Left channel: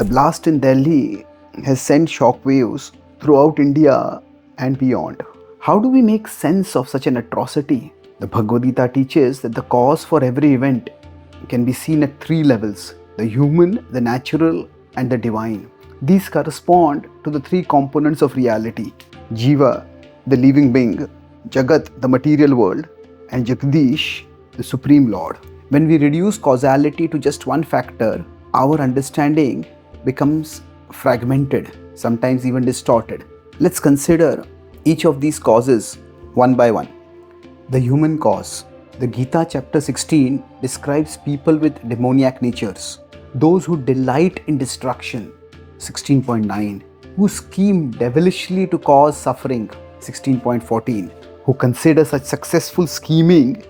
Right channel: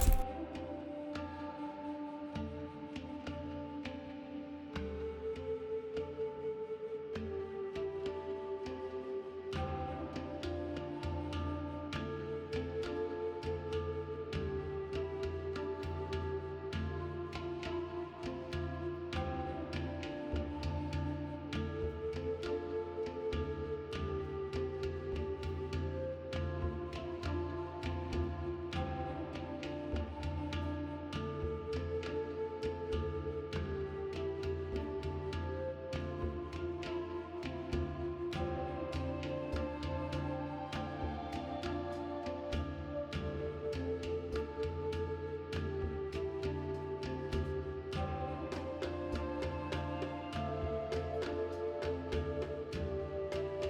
The blast in Delhi has sent shockwaves throughout India and beyond. How do we make sense of such an atrocity? The Bhagavad Gita teaches that the cause for every event can be seen at three levels: the human, the natural, and the divine. These correspond to the three components of reality: Jiva, the living being; Jagat, the material world; and Jagdish, the Supreme Lord. When we reduce causality to just one factor, our understanding becomes fragmented, sometimes even distorted. Let's consider each of these causes one by one. The human cause. The Gita chapter 16 describes people with demoniac natures, those who delight in destruction, 16.9, who scheme devilishly to cause suffering, 16.14, who consider such successful scheming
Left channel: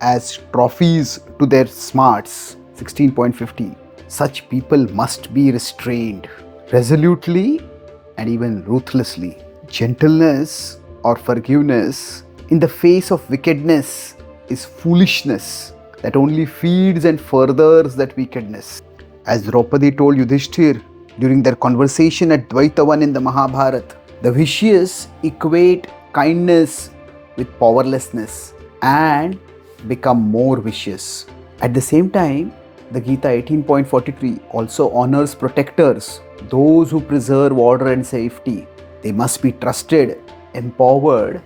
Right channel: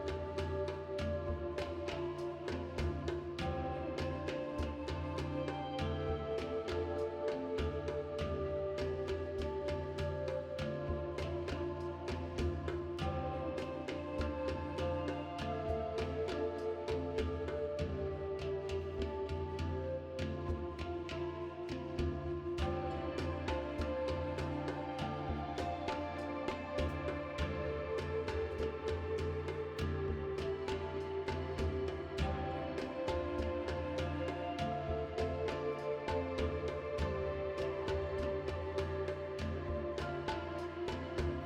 as trophies to their smarts, 16.15. Such people must be restrained resolutely and even ruthlessly. Gentleness or forgiveness in the face of wickedness is foolishness that only feeds and furthers that wickedness. As Draupadi told Yudhishthir during their conversation at Dvaitavan in the Mahabharata, the vicious equate kindness with powerlessness and become more vicious. At the same time, the Gita 18.43 also honors protectors, those who preserve order and safety. They must be trusted, empowered,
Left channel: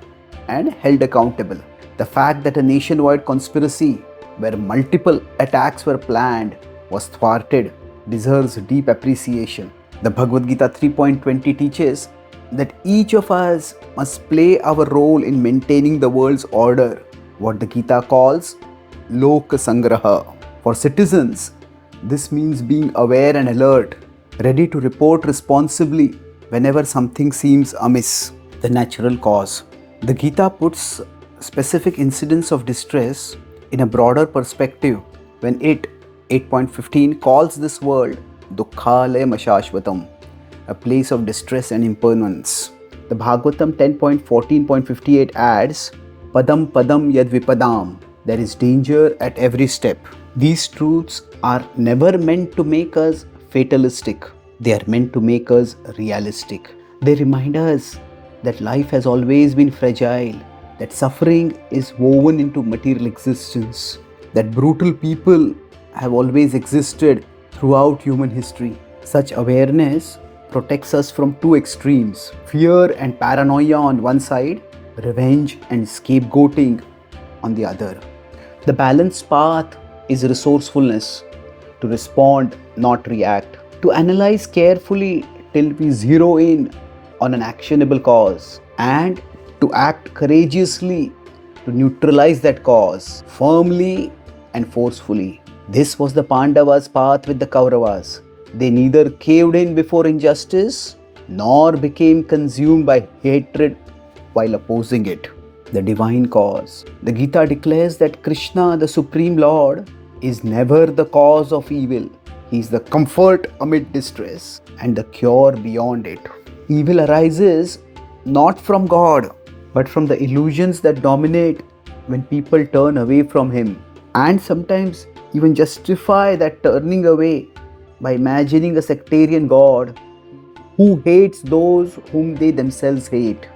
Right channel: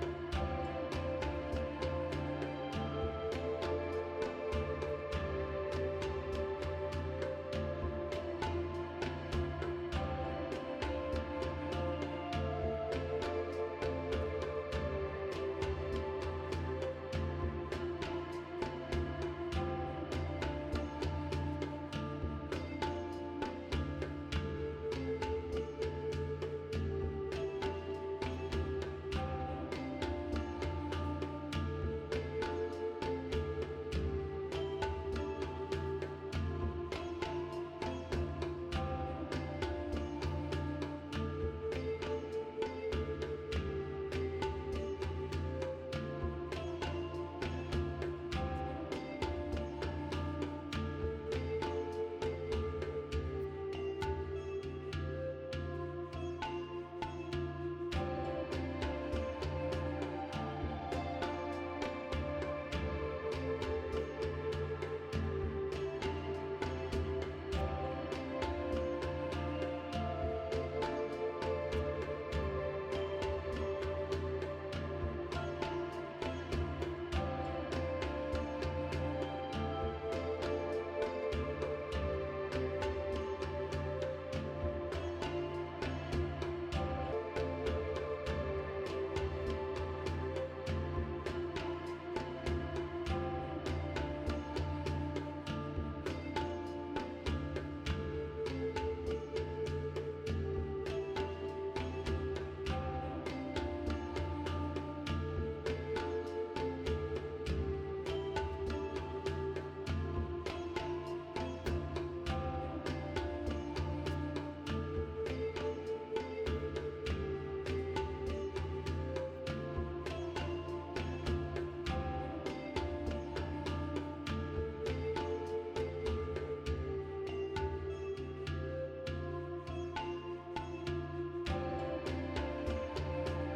and held accountable. The fact that a nationwide conspiracy where multiple attacks were planned was thwarted deserves deep appreciation. The Bhagavad Gita 3.20 teaches that each of us must play our role in maintaining the world's order, what the Gita calls Loka Sangraha. For citizens, this means being aware and alert, ready to report responsibly whenever something seems amiss. The natural cause. The Gita puts specific incidents of distress in a broader perspective when it, 8.15, calls this world Dukkhalayam Ashashvatam, a place of distress and impermanence. The Bhagavatam 10.14.58 adds, Padam Padam Yad Vipadam, there is danger at every step. These truths are never meant to make us fatalistic. They are meant to make us realistic. They remind us that life has always been fragile, that suffering is woven into material existence, that brutal people have always existed throughout human history. Such awareness protects us from two extremes: fear and paranoia on one side, revenge and scapegoating on the other. The balanced path is resourcefulness, to respond, not react, to analyze carefully till we zero in on an actionable cause, and to act courageously to neutralize that cause firmly and forcefully. This was the Pandavas' path with the Kauravas. They neither caved in before injustice nor became consumed by hatred while opposing it. The divine cause. The Gita declares that Krishna, the Supreme Lord, is never the cause of evil. He is the comfort amid distress and the cure beyond it. Evil arises not from God, but from the illusions that dominate when people turn away from Him, and sometimes even justify that turning away by imagining a sectarian God who hates those whom they themselves hate.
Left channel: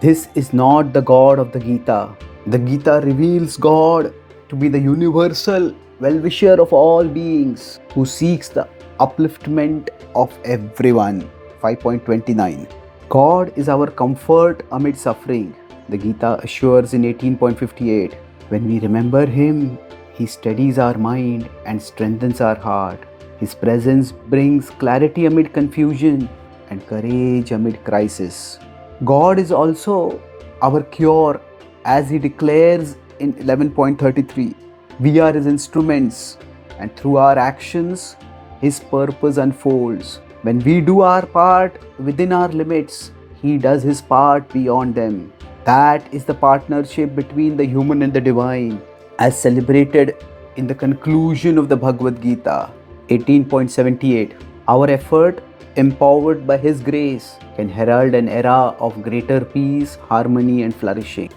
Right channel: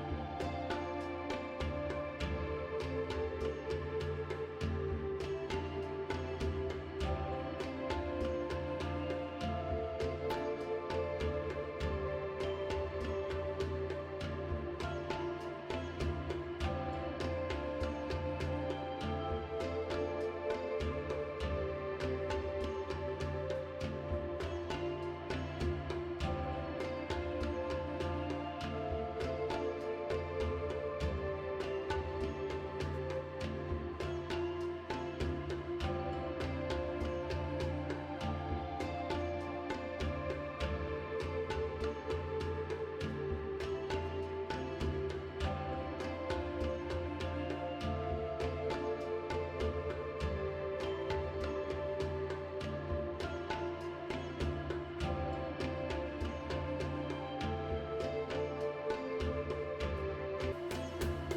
This is not the God of the Gita. The Gita reveals God to be the universal well-wisher of all beings who seeks the upliftment of everyone. 5.29. God is our comfort amid suffering. The Gita assures in 18.58, when we remember Him, He steadies our mind and strengthens our heart. His presence brings clarity amid confusion and courage amid crisis. God is also our cure, as He declares in 11.33. We are His instruments, and through our actions, His purpose unfolds. When we do our part within our limits, He does His part beyond them. That is the partnership between the human and the divine, as celebrated in the conclusion of the Bhagavad Gita, 18.78. Our effort, empowered by His grace, can herald an era of greater peace, harmony, and flourishing.